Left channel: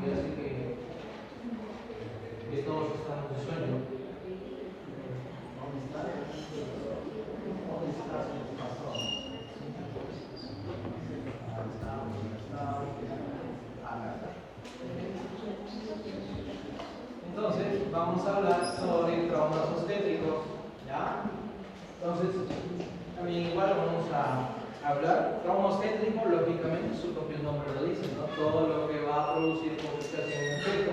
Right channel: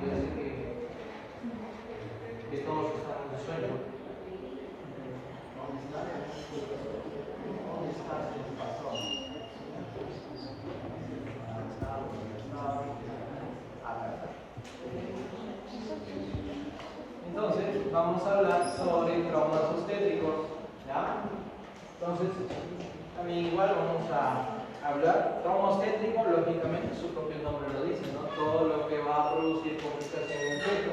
yo sé que todos están en un sueño. ¿Dónde está? ¿Dónde está su patrón? Entonces, vamos a hablar sobre traumas obstétricos, ¿ya? Entonces, también igual vamos a hablar. Trauma obstétrico, lógicamente, su propio nombre lo dice, ¿no? Todo lo que va a producir complicación en el feto.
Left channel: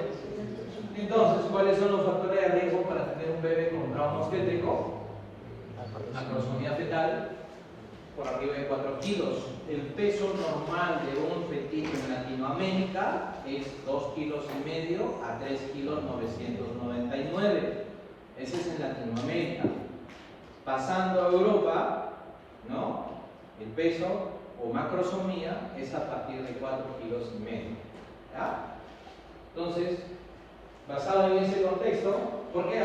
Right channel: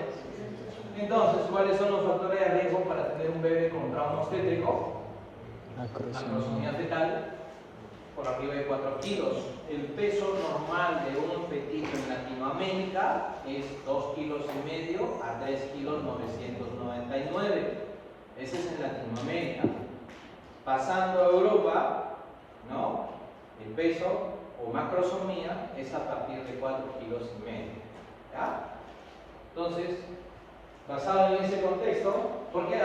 Entonces, ¿cuáles son los factores de riesgo para tener un bebé con trauma obstétrico? Macrosomía fetal por arriba de 4 kilos. El peso normal de un fetillo en Latinoamérica es 2,5 kilos a 3,999 kilos. Ese es en Latinoamérica. Pasando a Europa, ¿no? El peso o macrosomía es a partir de 4,5 kilos. ¿Ya? Entonces, basado en ese contexto, ¿por qué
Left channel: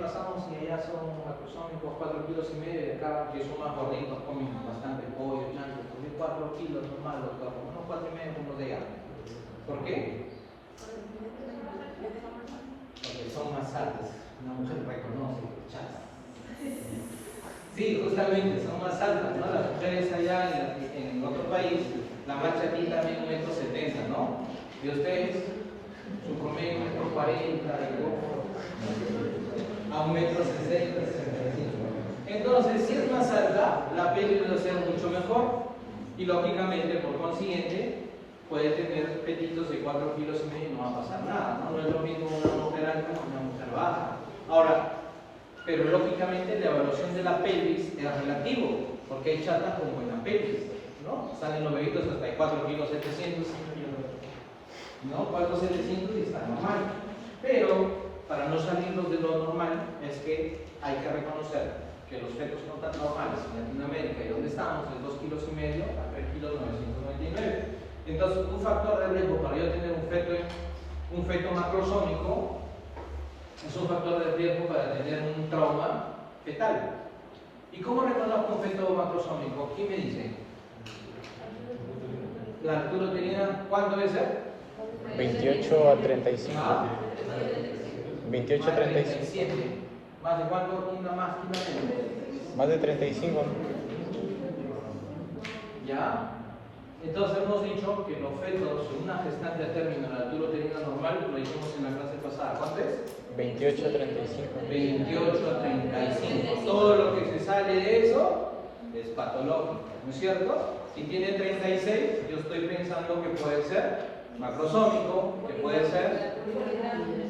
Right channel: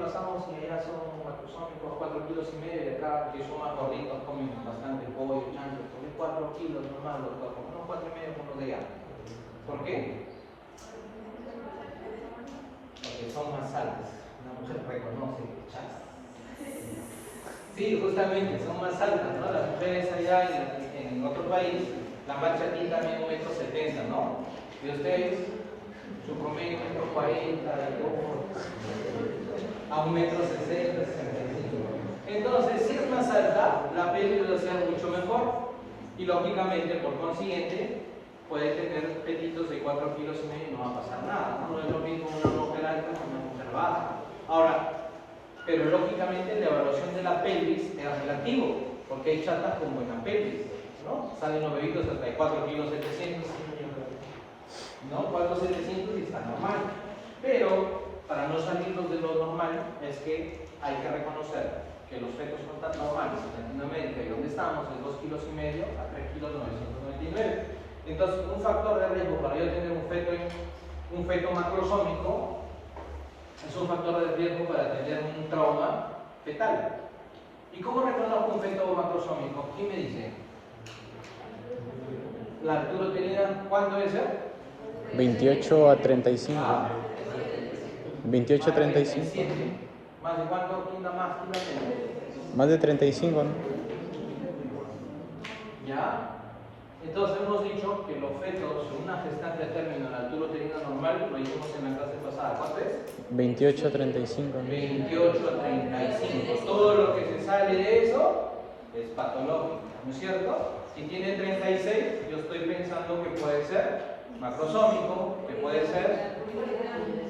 pasamos y ya son macrosómicos 4,5 kilos y acá que son más gorditos, comen bastante pollo, chancho, comen 4 kilos normal, los como no 4,5 como los de allá? ¿Por qué? Porque son más altas. Una mujer reconoce que chas. Sí, justamente, son más altas, ¿no? Las mujeres allá en otro país, la más chatita también 1,70 m, ¿no? Y ustedes, su promedio 1,40 m, a 1,60 m. Entonces, si es más alta, la piel debe ser mucho mejor y lógicamente, por consiguiente, puede tener petitos de 4,5 kilos y no va a pasar nada, ¿no? No es lo mismo una mujer alta que una mujer baja. Ahora, pero lógicamente la evaluación de la pelvis es relativo, porque hay chatas con buena pelvis, ¿no? Salen los bebitos hasta de 4,7 kilos, ¿no? 4,700 y está normal. Pero, para no salirnos de lo normal, es que hay que reconocer que los fetos son tan normales en Latinoamérica y donde estamos es 2,5 kilos a 3,999 kilos. Entonces, un factor de riesgo para yo tener un feto macrosómico es un factor de riesgo para tener un trauma fetal. ¿Y cómo reconozco un feto macrosómico? ¿Quién me dice? La altura uterina, ¿cuánto debe ser? 28 a 35. 28 a 35. ¿Más de cuánto punta más? Más de 35, ¿no? ¿Ya? Entonces hemos dicho que los fetos en una gestante de término en la altura uterina normal, lo dijimos en la clase pasada, ¿cuánto es? 28 a 35. 28 a 35. Todo lo que se sale de eso es patológico, ¿no es cierto? Si tiene 36, yo estoy pensando que puede ser macrosómico, que puede ser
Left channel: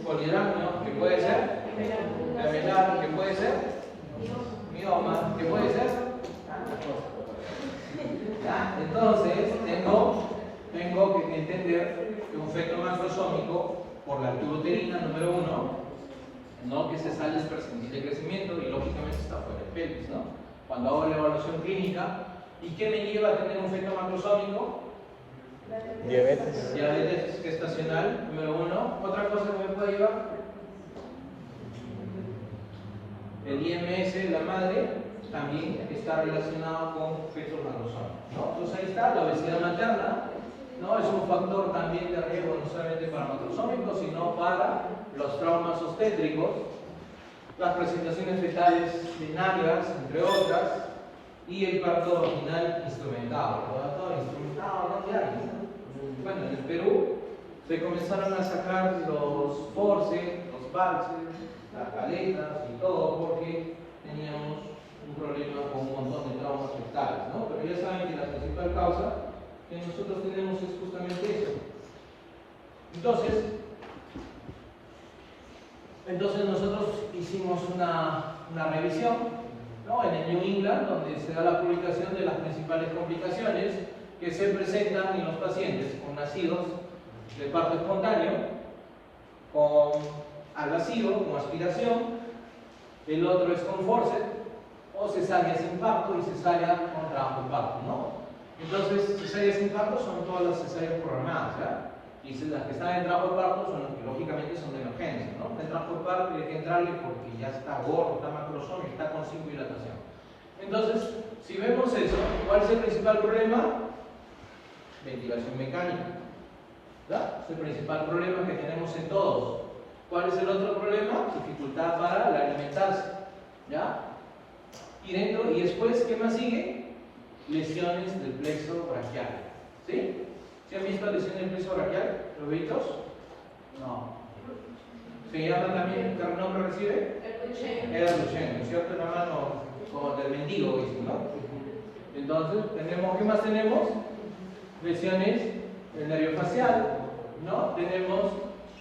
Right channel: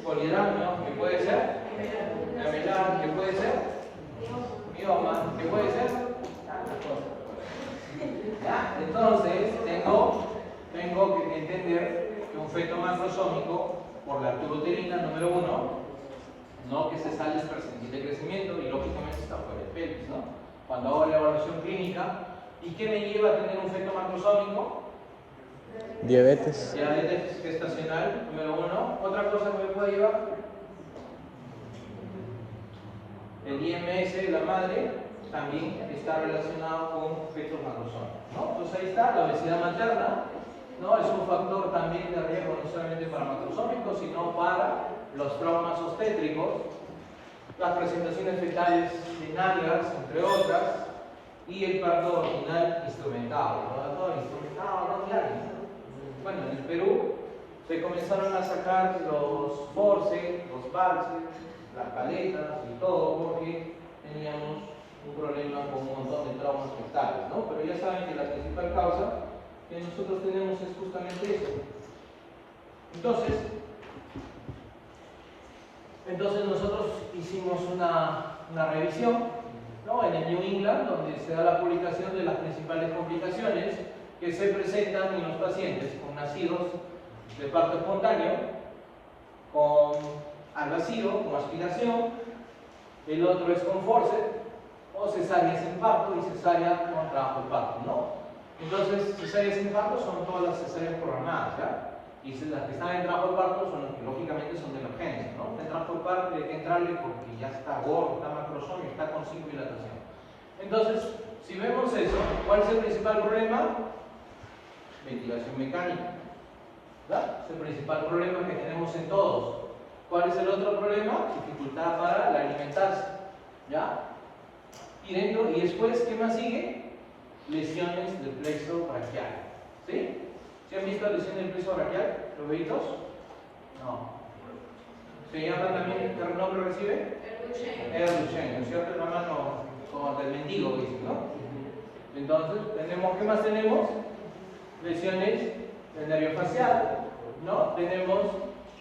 polidrámico, que puede ser lamelar, que puede ser mioma, que puede ser ¿ya? Entonces tengo que entender que un feto macrosómico por la altura uterina número 1, no que se sale es percentil de crecimiento y lógicamente está fuera del pelvis, ¿no? Cuando hago la evaluación clínica, ¿y qué me lleva a tener un feto macrosómico? Diabetes. Diabetes gestacional número 1. Otra cosa que me puede llevar, el IMS de la madre también está relacionado con fetos macrosómicos, ¿no? Entonces ahí está la obesidad materna, ¿no? Es un factor también de riesgo no solamente para macrosómicos, sino para los traumas obstétricos, las presentaciones fetales binarias, entre otras, y el parto vaginal instrumentado. Bueno, en el Perú se comenzaron a sacar los forceps, los valses, las paletas y todo porque teníamos un problema con un montón de traumas fetales, ¿no? Pero ya saben que la principal causa que nosotros tenemos es justamente eso. Entonces nosotros hicimos una revisión, ¿no? En el New England, donde se da la publicación de las principales complicaciones que se presentan en los pacientes con nacidos de parto espontáneo, con al vacío, con aspiración, el otro es con forceps, o cesárea sin parto y cesárea con trabajo de parto, ¿no? Entonces, cesáreas sin parto son todas las cesáreas programadas, ¿ya? Y las que están en trabajo de parto son las que lógicamente son de emergencia, ¿no? En trabajo de parto hay que entrarle porque ya está gordo, está macrosómico, está con sin dilatación. Entonces, si vemos eso, ¿cuál es el principal problema? Ventilación mecánica. ¿verdad? Es el principal problema que tenemos en todos. ¿Cuál es el otro problema? Dificultad para la alimentarse, ¿ya? Y después, ¿qué más sigue? Lesiones del plexo braquial, ¿sí? ¿Sí han visto lesiones del plexo braquial? ¿Los bebitos? No. ¿Se llama también, qué nombre recibe? El Duchenne, ¿cierto? La mano como del mendigo, dicen, ¿no? Entonces, ¿qué más tenemos? Lesiones del nervio facial, ¿no? Tenemos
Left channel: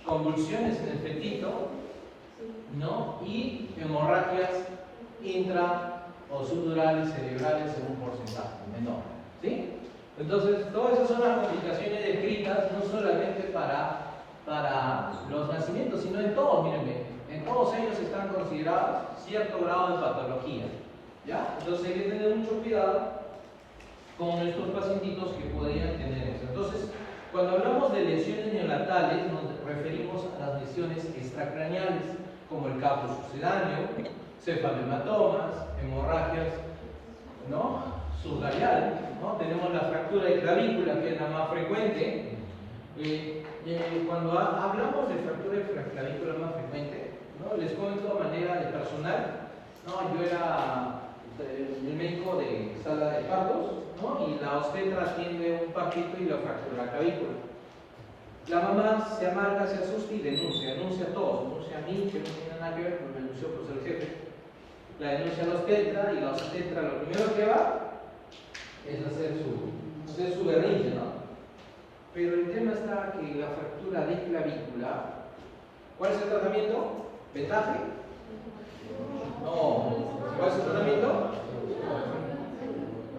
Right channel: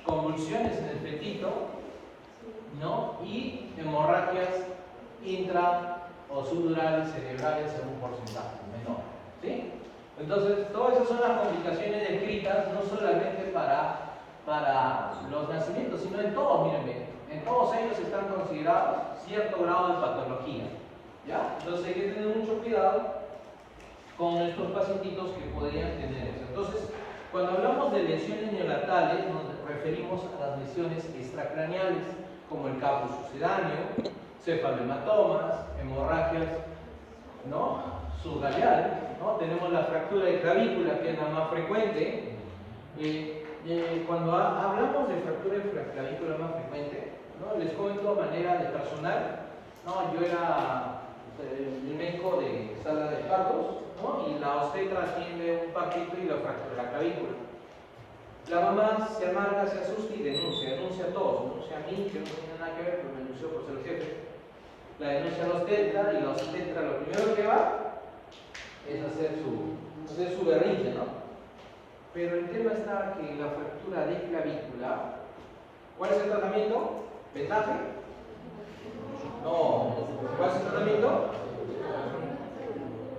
convulsiones en el fetito, ¿no? Y hemorragias intra o subdurales cerebrales en un porcentaje menor, ¿sí? Entonces, todas esas son las complicaciones descritas, no solamente para los nacimientos, sino en todos, miren, en todos ellos están considerados cierto grado de patología, ¿ya? Entonces hay que tener mucho cuidado con estos pacientitos que podrían tener eso. Entonces, cuando hablamos de lesiones neonatales, nos referimos a las lesiones extracraneales, como el caput sucedáneo, cefalomatomas, hemorragias, ¿no? Subgaleal, ¿no? Tenemos la fractura de clavícula, que es la más frecuente. Cuando hablamos de fractura de clavícula más frecuente, ¿no? Les cuento de manera de personal, ¿no? Yo era el médico de sala de partos, ¿no? Y la obstetra atiende un partito y la fractura la clavícula. La mamá se amarga, se asusta y denuncia a todos, denuncia a mí, que no tiene nada que ver, pero me denunció por ser el jefe. La denuncia a la obstetra y la obstetra lo primero que va es hacer su berrinche, ¿no? Pero el tema está que la fractura de clavícula, ¿cuál es el tratamiento? ¿Vendaje? No. ¿Cuál es el tratamiento?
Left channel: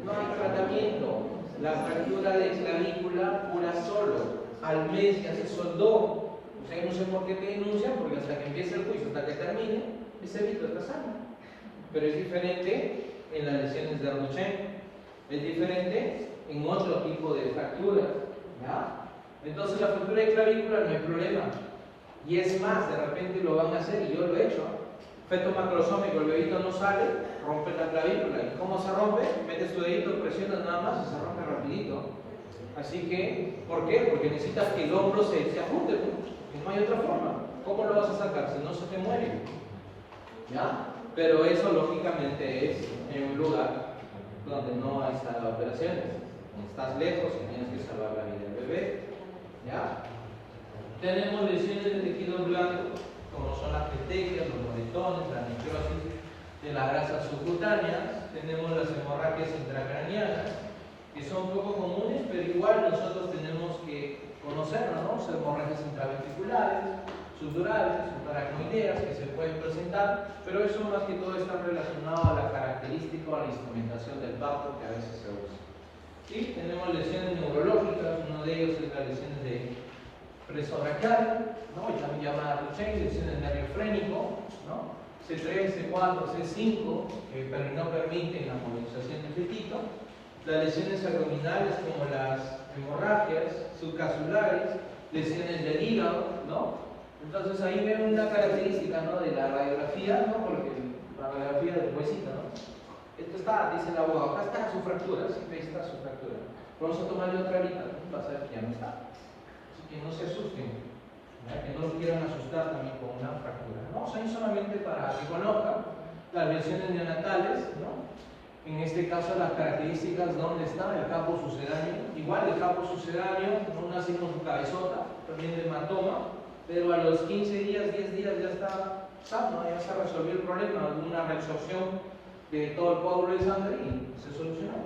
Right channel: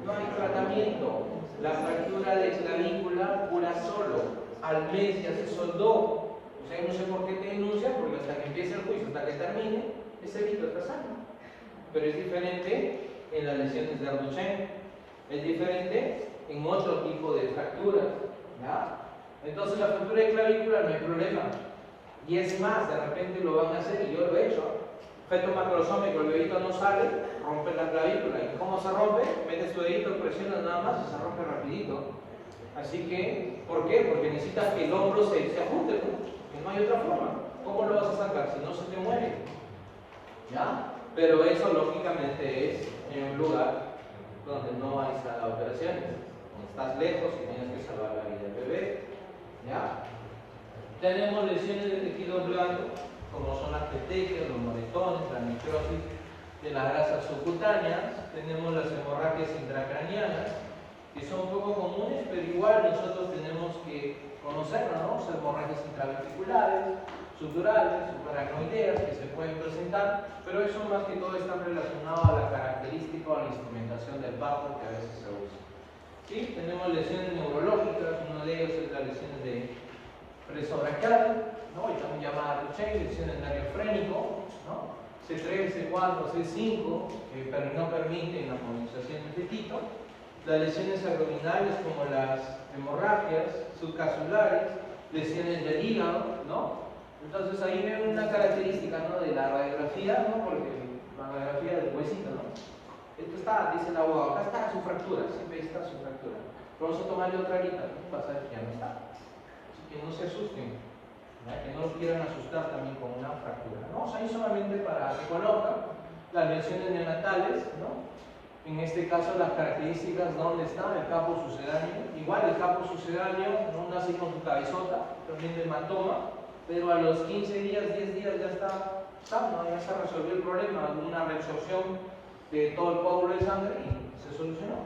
No hay tratamiento. La fractura de clavícula cura solo. Al mes ya se soldó. O sea, no sé por qué te denuncian, porque hasta que empiece el juicio, hasta que termine, ese vito está sano. Pero es diferente en las lesiones de Duchenne. Es diferente en otro tipo de fracturas, ¿verdad? Entonces la fractura de clavícula no hay problema. Y es más, de repente lo van a hacer, y yo lo he hecho. Feto macrosómico, el bebito no sale, rompe la clavícula. ¿Y cómo se rompe? Metes tu dedito, presionas nada más y se rompe rapidito. Así que, ¿por qué? Porque necesitas que el hombro se ajuste, ¿no? Que no hay otra forma. ¿Cómo lo vas a sacar? Si no se te muere. ¿Ya? Pero eso lógicamente es en un lugar donde no hay sala de operaciones, donde estás lejos y tienes que salvar la vida del bebé. ¿Ya? Tenemos lesiones de tejido blando, como son las petequias, los moretones, la necrosis de las grasas subcutáneas. Tenemos las hemorragias intracraneanas, que son poco comunes, pero igual nosotros tenemos que conocerlas, ¿no? Son hemorragias intraventriculares, subdurales, subaracnoideas, que se pueden presentar, pero eso más que todo está relacionado a la característica o a la instrumentación del parto que a veces se usa. ¿Sí? Tenemos lesiones neurológicas, una de ellas es la lesión de preso braquial, ¿no? Y también llamada Duchenne, lesión del nervio frénico, ¿no? C3, C4, C5, que no permiten la movilización del fetito. Las lesiones abdominales como las hemorragias subcapsulares, lesiones del hígado, ¿no? Entonces ahí ven una característica, ¿no? De la radiografía, ¿no? Porque la radiografía del huesito, ¿no? Esto está, dice el abogado, acá está su fractura, siempre está su fractura. Pero vamos a tomarle otra ahorita, ¿no? Vas a ver que ya no está. Así que no se asusten, ¿no? Que no los quieran asustar también con una fractura. Vamos ahí solamente para que conozcan las lesiones neonatales, ¿no? En este caso las características, ¿dónde está? El caput sucedáneo. Igual el caput sucedáneo no nace con su cabezota, también de hematoma, pero a los 15 días, 10 días ya está sano, ya se resolvió el problema, hubo una reabsorción de todo el coágulo de sangre y se solucionó.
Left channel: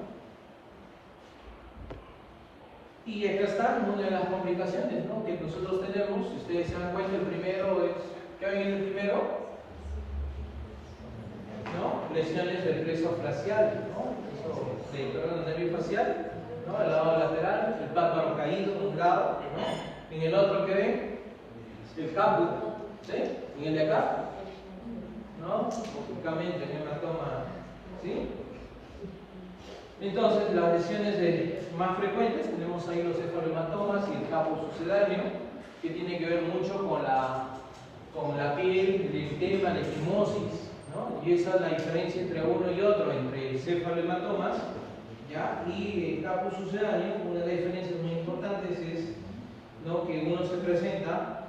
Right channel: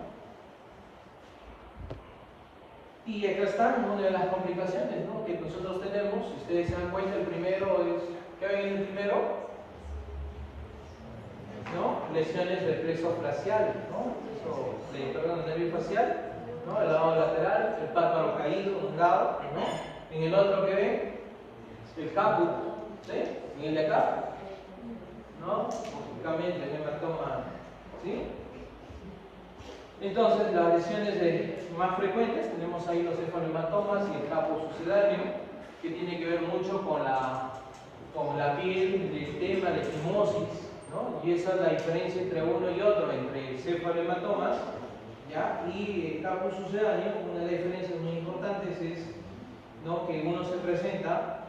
Y acá están una de las complicaciones, ¿no? Que nosotros tenemos. Si ustedes se dan cuenta, el primero es, ¿qué viene el primero? ¿No? Lesiones del plexo facial, ¿no? Perdón, el nervio facial, ¿no? El lado lateral, el pato caído de un lado, ¿no? En el otro, ¿qué ven? El caput, ¿sí? En el de acá, ¿no? Típicamente en una toma, ¿sí? Entonces, las lesiones más frecuentes, tenemos ahí los cefalomatomas y el caput sucedáneo, que tiene que ver mucho con la piel, el eritema, la equimosis, ¿no? Y esa es la diferencia entre uno y otro, entre cefalomatomas, ¿ya? Y el caput sucedáneo. Una de las diferencias muy importantes es ¿no? Que uno se presenta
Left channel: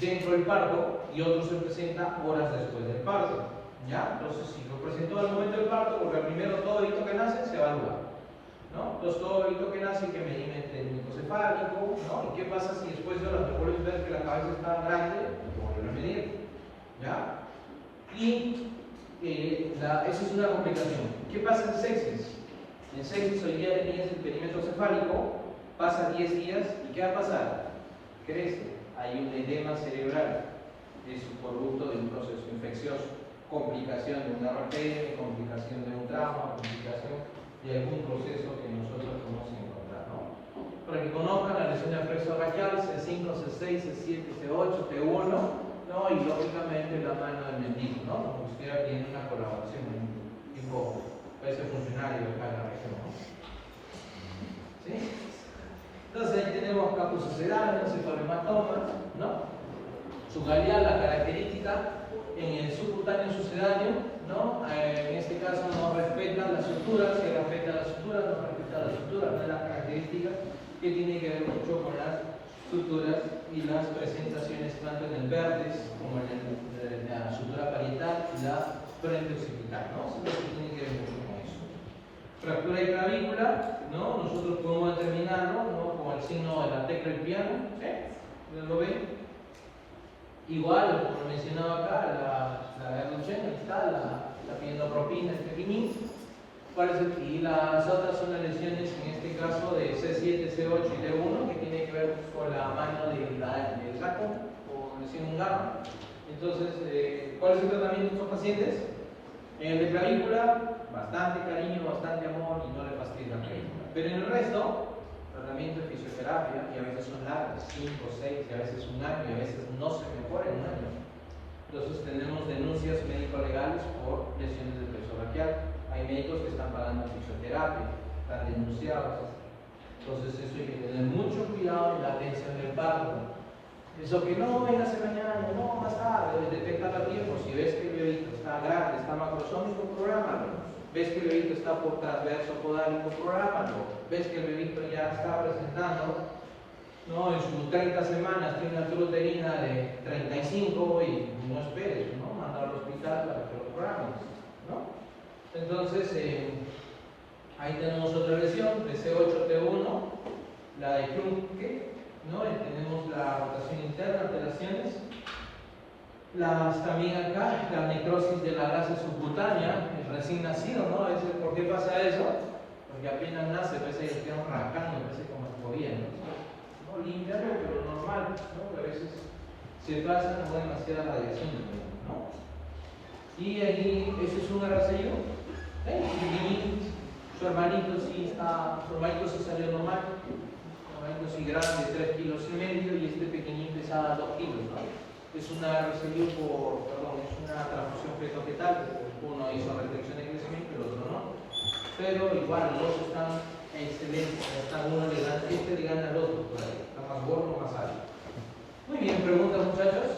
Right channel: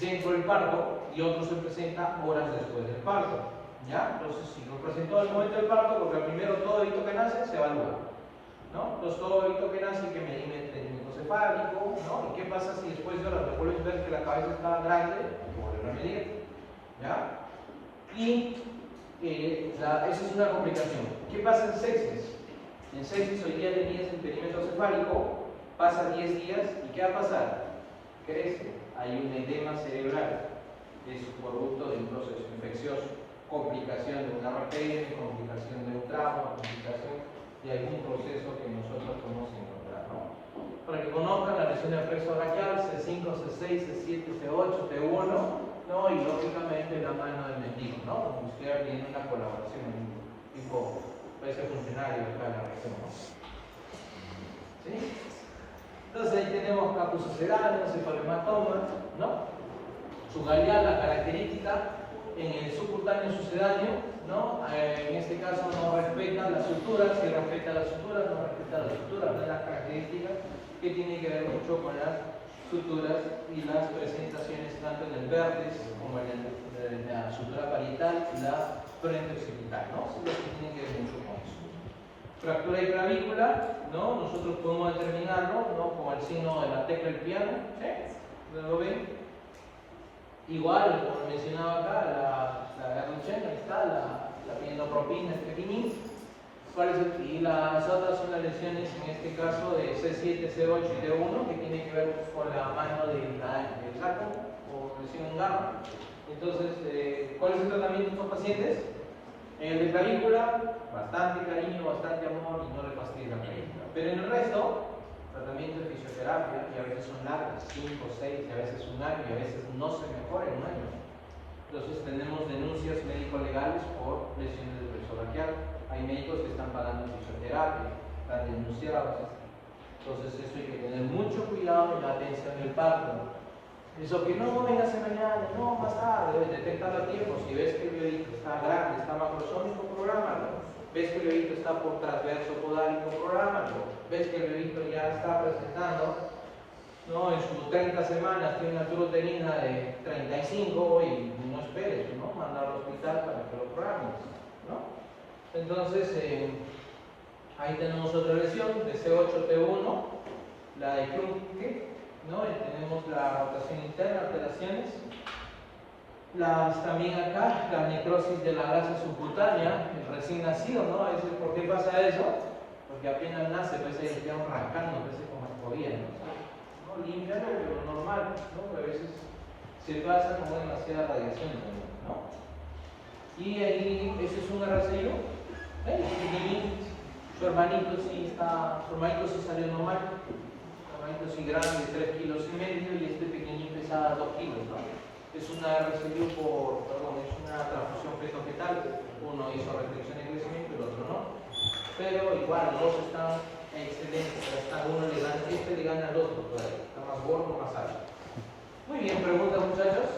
dentro del parto y otro se presenta horas después del parto. ¿Ya? Entonces, si lo presentó al momento del parto, porque al primero todo bebito que nace se evalúa, ¿no? Entonces, todo bebito que nace hay que medir el microcefálico, ¿no? ¿Y qué pasa si después de horas vuelves a ver que la cabeza está grande? Vuelve a medir, ¿ya? Y eso es una complicación. ¿Qué pasa en sepsis? En sepsis hoy día tenías el perímetro cefálico, pasa 10 días, ¿y qué va a pasar? Crece, hay un edema cerebral, es un producto de un proceso infeccioso, complicación de una RPM, complicación de un trauma, complicación de algún proceso que nosotros podemos encontrar, ¿no? Para que conozcan la lesión del plexo braquial, C5, C6, C7, C8, T1, ¿no? Y lógicamente la mano del mendigo, ¿no? Como usted tiene una colaboración, tipo, puede ser funcionario de la región, ¿no? ¿Sí? Entonces ahí tenemos capus sucedáneos, cefalomatomas, ¿no? Sublabial, la característica en el subcutáneo sucedáneo, ¿no? En este caso no respeta la sutura, si respeta la sutura, no respeta la sutura, una de las características que tiene que ver mucho con las suturas y las presentaciones tanto en el vértex como en la sutura parietal y la frente occipital, ¿no? Sí, que tiene que ver mucho con eso. Fractura de clavícula, ¿no? Nosotros podemos determinarlo, ¿no? Como el signo de la tecla del piano, ¿sí? ¿Lo ven? Igual, como mencionaba acá, la garrochena, está la pienopropina, el pepinín. Y las otras son las lesiones, en este caso de C7, C8 y T1, que tiene que ver con la mano del saco o lesión gamma. Entonces, ¿cuál es el tratamiento de estos pacientes? En el de clavícula, bastante cariño, bastante amor y no le fastidia la clavícula. Pero en el resto, tratamiento de fisioterapia, y a veces son largas, 5, 6, y a veces un año, y a veces no se mejora en un año. Entonces tenemos denuncias médico-legales por lesiones del plexo braquial. Hay médicos que están pagando fisioterapia, están denunciados. Entonces eso hay que tener mucho cuidado en la atención del parto. Eso que no vengas mañana, no, más tarde, debes detectar a tiempo. Si ves que el bebito está grande, está macrosómico, prográmalo. Ves que el bebito está por transverso podálico, prográmalo. Ves que el bebito ya está presentando, ¿no? En sus 30 semanas tiene una uterina de 35 y no esperes, ¿no? Mandarlo al hospital para que lo programes, ¿no? Entonces, ahí tenemos otra lesión de C8T1, la de Krumke, ¿no? Tenemos la rotación interna, alteraciones. También acá, la necrosis de la gasa subcutánea, el recién nacido, ¿no? A veces, ¿por qué pasa eso? Porque apenas nace, a veces quedan rascando, a veces como escobilla, ¿no? Limpiarlo, pero normal, ¿no? A veces se pasa con demasiada radiación, ¿no? Y ahí, ese es un RCU, su hermanito sí salió normal, su hermanito sí grande, 3,5 kilos, y este pequeñito pesa 2 kilos, ¿no? Es una transfusión feto-fetal, uno hizo restricción de crecimiento y el otro no. Pero igual, los dos están excelentes, este le gana al otro, está más gordo, más alto. Muy bien, preguntas muchachos.